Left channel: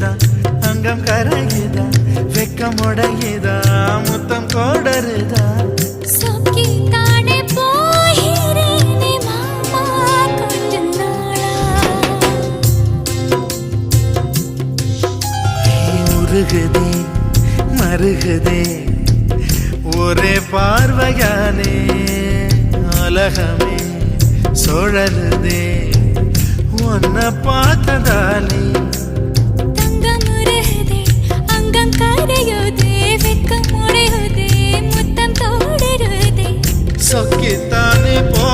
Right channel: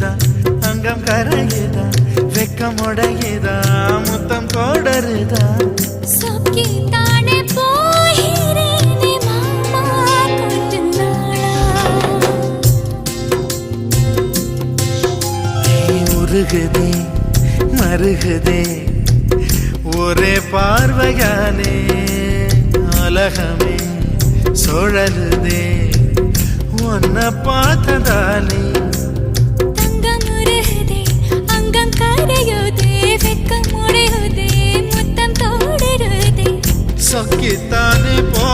உருகுதா அங்கம் கரையுதா வெக்கம் உடையுதா முத்தம் கோடருதா சொக்கி தானே போகிறேனே மாமா கொஞ்ச நாளா உருகுதே மருகுதே ஒரே பார்வையானே உலகமே சுழலுதே உன்னை பார்த்ததாலே தங்கம் உருகுதே அங்கம் கரையுதே வெக்கம் உடையுதே முத்தம் தோடுருதே சொக்கித்தானே போ